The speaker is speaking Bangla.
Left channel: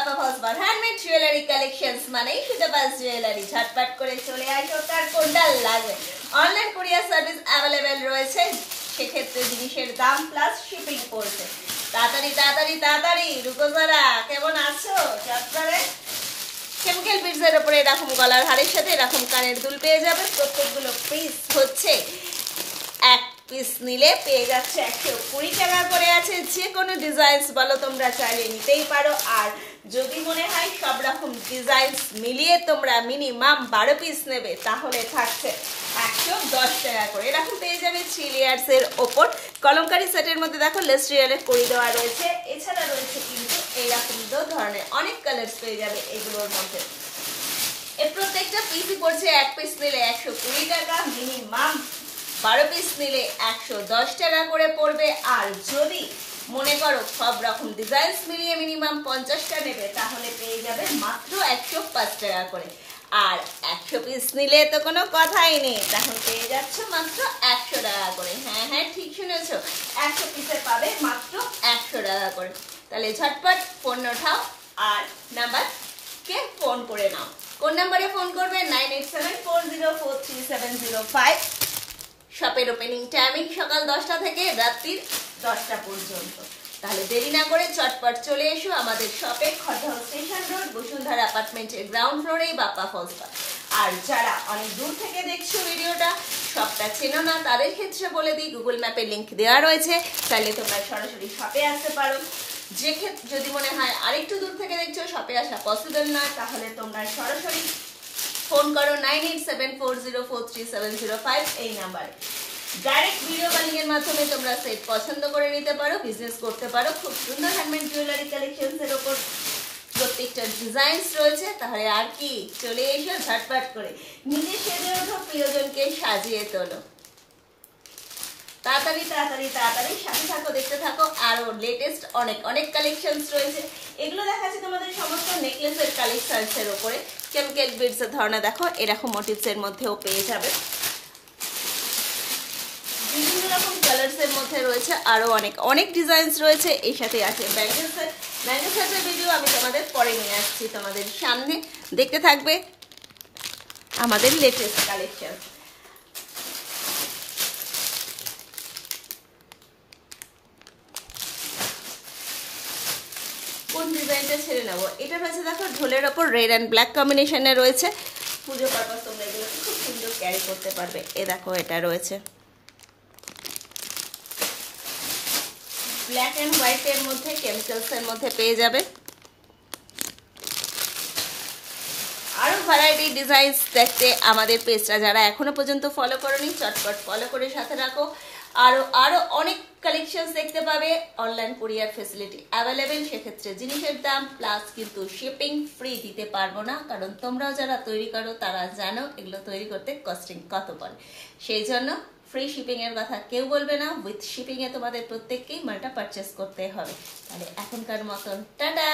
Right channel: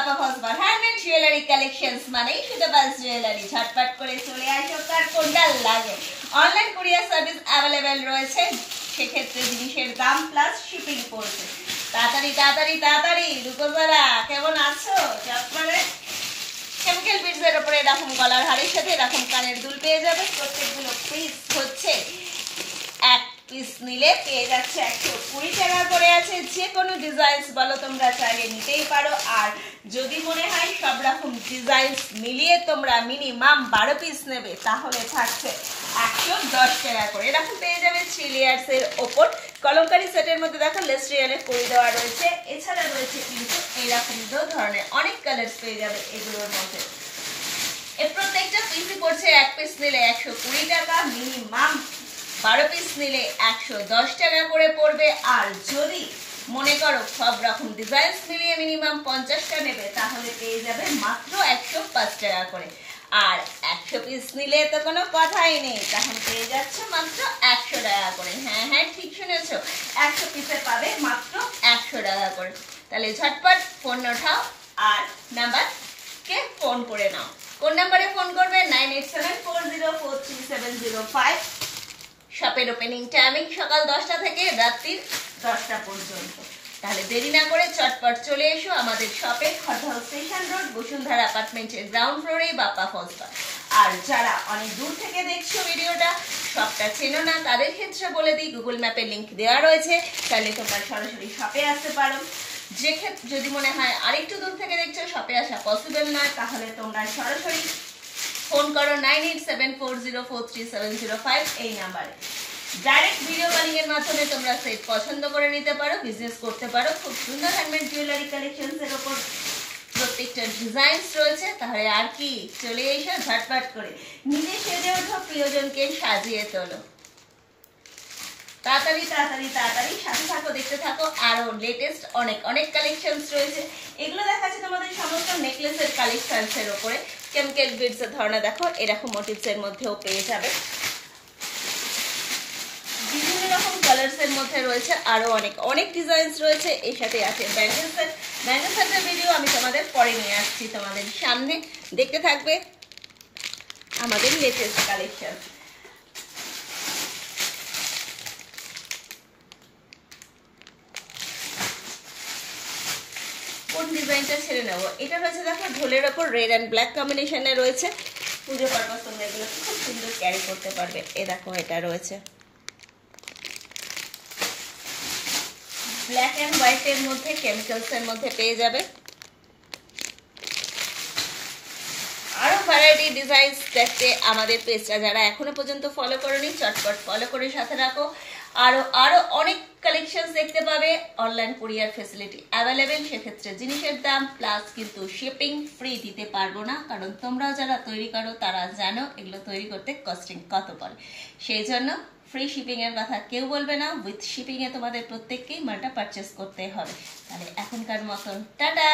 বাপ্পা ফসবার হ্যান্ডমেড জুয়েলারি কালেকশনস মানে সুতাবাস জুয়েলারি। ঝটপট করে চলে আসো, কার কোনটা লাগে। অনলাইন কুরিয়ার সার্ভিস অ্যাভেলেবেল রয়েছে, সেক্ষেত্রে জিনিসের দাম প্লাস শিপিং পড়ছে। তাড়াতাড়ি তাড়াতাড়ি তাড়াতাড়ি রুকো যারা, কেমন আছো? চটপটে কেমিক্যাল বিটসের উপরে এরকম গলার হারের সাথে এরকম কানের দুল পেয়ে যাবে। প্রত্যেকগুলো পিস হচ্ছে এক পিস নিলে পেয়ে যাচ্ছে 120 টাকা করে আছে। যে কোনো ডিজাইনস বলো তোমরা চাইলে নিতেই পারো। আর যদি মনে হয় সব রকম ডিজাইনস মিলিয়ে তোমরা মিনিমাম 12 পিস নেবে, তাহলে থাকছে 110 টাকা করে। এরকম পেয়ে যাবে 3 লেয়ার্স এর ওপর কলমকারি সেটের মধ্যে। দেখো লেস্ট্রিয়ালের কড়ি দেওয়া রয়েছে, এছাড়া রয়েছে কিন্তু এইরকম দু ধরনের অনেক কালার্স পেয়ে যাবে এগুলোর মধ্যে। এর প্রত্যেকটা পিসই পড়ছে এক পিস নিলে 120 টাকা, মিনিমাম 12 পিস নিলে 110 টাকা করে পড়বে। আর যদি মনে করো সব রকম ডিজাইনস মিলিয়ে মিনিমাম 50টা নেবে, তাহলে পেয়ে যাবে মাত্র 105 টাকা করে। আর 100 পিস নিলে তো কোনো কথাই নেই, তখন পেয়ে যাচ্ছ মাত্র 100 টাকা করে। হ্যাঁ হ্যাঁ ঠিক শুনেছো, 100 পিসে পাবে মাত্র 100 টাকা করে। তাহলে ঝটপট ফোন ওঠাও আর নাম্বারকে ফোন করে নাও। কোন নাম্বারে ফোন করবে? 9874043705। শপের ওপেনিং টাইমিং সকাল 10টা থেকে রাত্রি 10টা পর্যন্ত। তাহলে দেরি না করে চটপট চলে এসো আমাদের শপে, খড়দহ স্টেশন রোড, বসুন্ধরা অ্যাপার্টমেন্টের গ্রাউন্ড ফ্লোরে বাপ্পা ফসবার। আর যারা অনেক দূর থেকে দেখছো ভিডিওটা, শপটা চেনো না, তাদের ক্ষেত্রে বলে দিই গুগল ম্যাপের লিংক দেওয়া রয়েছে, তাহলে তোমরা সরাসরি শপে আসতে পারো। যে ক্ষেত্রে যদি মনে হয় আরেকটু দূর থেকে দেখছো, শপে আসা পসিবল না, তাহলে তোমরা সরাসরি ফোন করো 9874043705 এই নাম্বারে। ডাইরেক্ট ভিডিও কলিং এর মাধ্যমে তোমরা সেট পছন্দ করে নিতে পারো, বিজনেস করতে পারো। খুব সুন্দর হ্যান্ডমেড জুয়েলারি কালেকশনস এর উপর প্রত্যেকটা ডিজাইনস রয়েছে। তাহলে আর কি, চলে এসো ঝটপট করে, নিজে সেজে ওঠো, প্রিয়জনকে সাজিয়ে তোলো। তাড়াতাড়ি তাড়াতাড়ি তাড়াতাড়ি সাথে থাকো, দেখতে থাকো। আরো লেটেস্ট অনেক অনেক কালেকশনস রয়েছে। এগুলো দেখাচ্ছি তোমাদের সমস্ত নেকলেসের কালেকশনস এর উপরে। কেমিক্যাল বিডস এর ধরনা দেখো, এরকম মোটিভস এর মধ্যেও পেয়ে যাবে। বিভিন্ন রকম কালার্স এর মধ্যে রয়েছে, আরো অনেক অনেক ডিজাইনস রয়েছে। এর সাথে আছে ব্যাঙ্গেল সেট। ব্যাঙ্গেল সেটের ভিডিও আমি তোমাদের পরে নিয়ে আসছি তোমাদের সামনে, দেখতে থাকবে আমাদের লেটেস্ট কালেকশন। কোন ডিজাইনটা ছেড়ে নেবো? এটা রয়েছে দেখো ঢোলের ওপর রেড অ্যান্ড ব্ল্যাক কম্বিনেশনে রয়েছে। পুজো পারপাস তোমরা এগুলো খুব সুন্দর ক্যারি করতে পারবে। এ দেখো এটা রয়েছে ব্ল্যাক অ্যান্ড হোয়াইট এর মধ্যে, কেমিক্যালস এর মধ্যে পেয়ে যাবে। আরো ভ্যারাইটি ডিজাইনস দেখতে আমাদের পেজটা যারা এখনো পর্যন্ত ফলো করোনি, চটপট ফলো করে সাথে রাখো। আরো আরো অনেক কালেকশনস দেখতে পাবে। অনলাইন কুরিয়ার ফেসিলিটি অ্যাভেলেবেল, সেক্ষেত্রে জিনিসের দাম প্লাস কিন্তু শিপিং ফ্রি দিতে পারবো না, কারণ তোমরাও যারা তৈরি করো তারা জানো এগুলো তৈরি করতে কস্টিং কত পড়ে। সেই জন্য ফ্রি শিপিং এর কথা কেউ বলবে না, উইথ শিপিং এ তোমাদের প্রত্যেককেই মালটা পারচেস করতে হবে। তাহলে এখনকার মতন টাটা।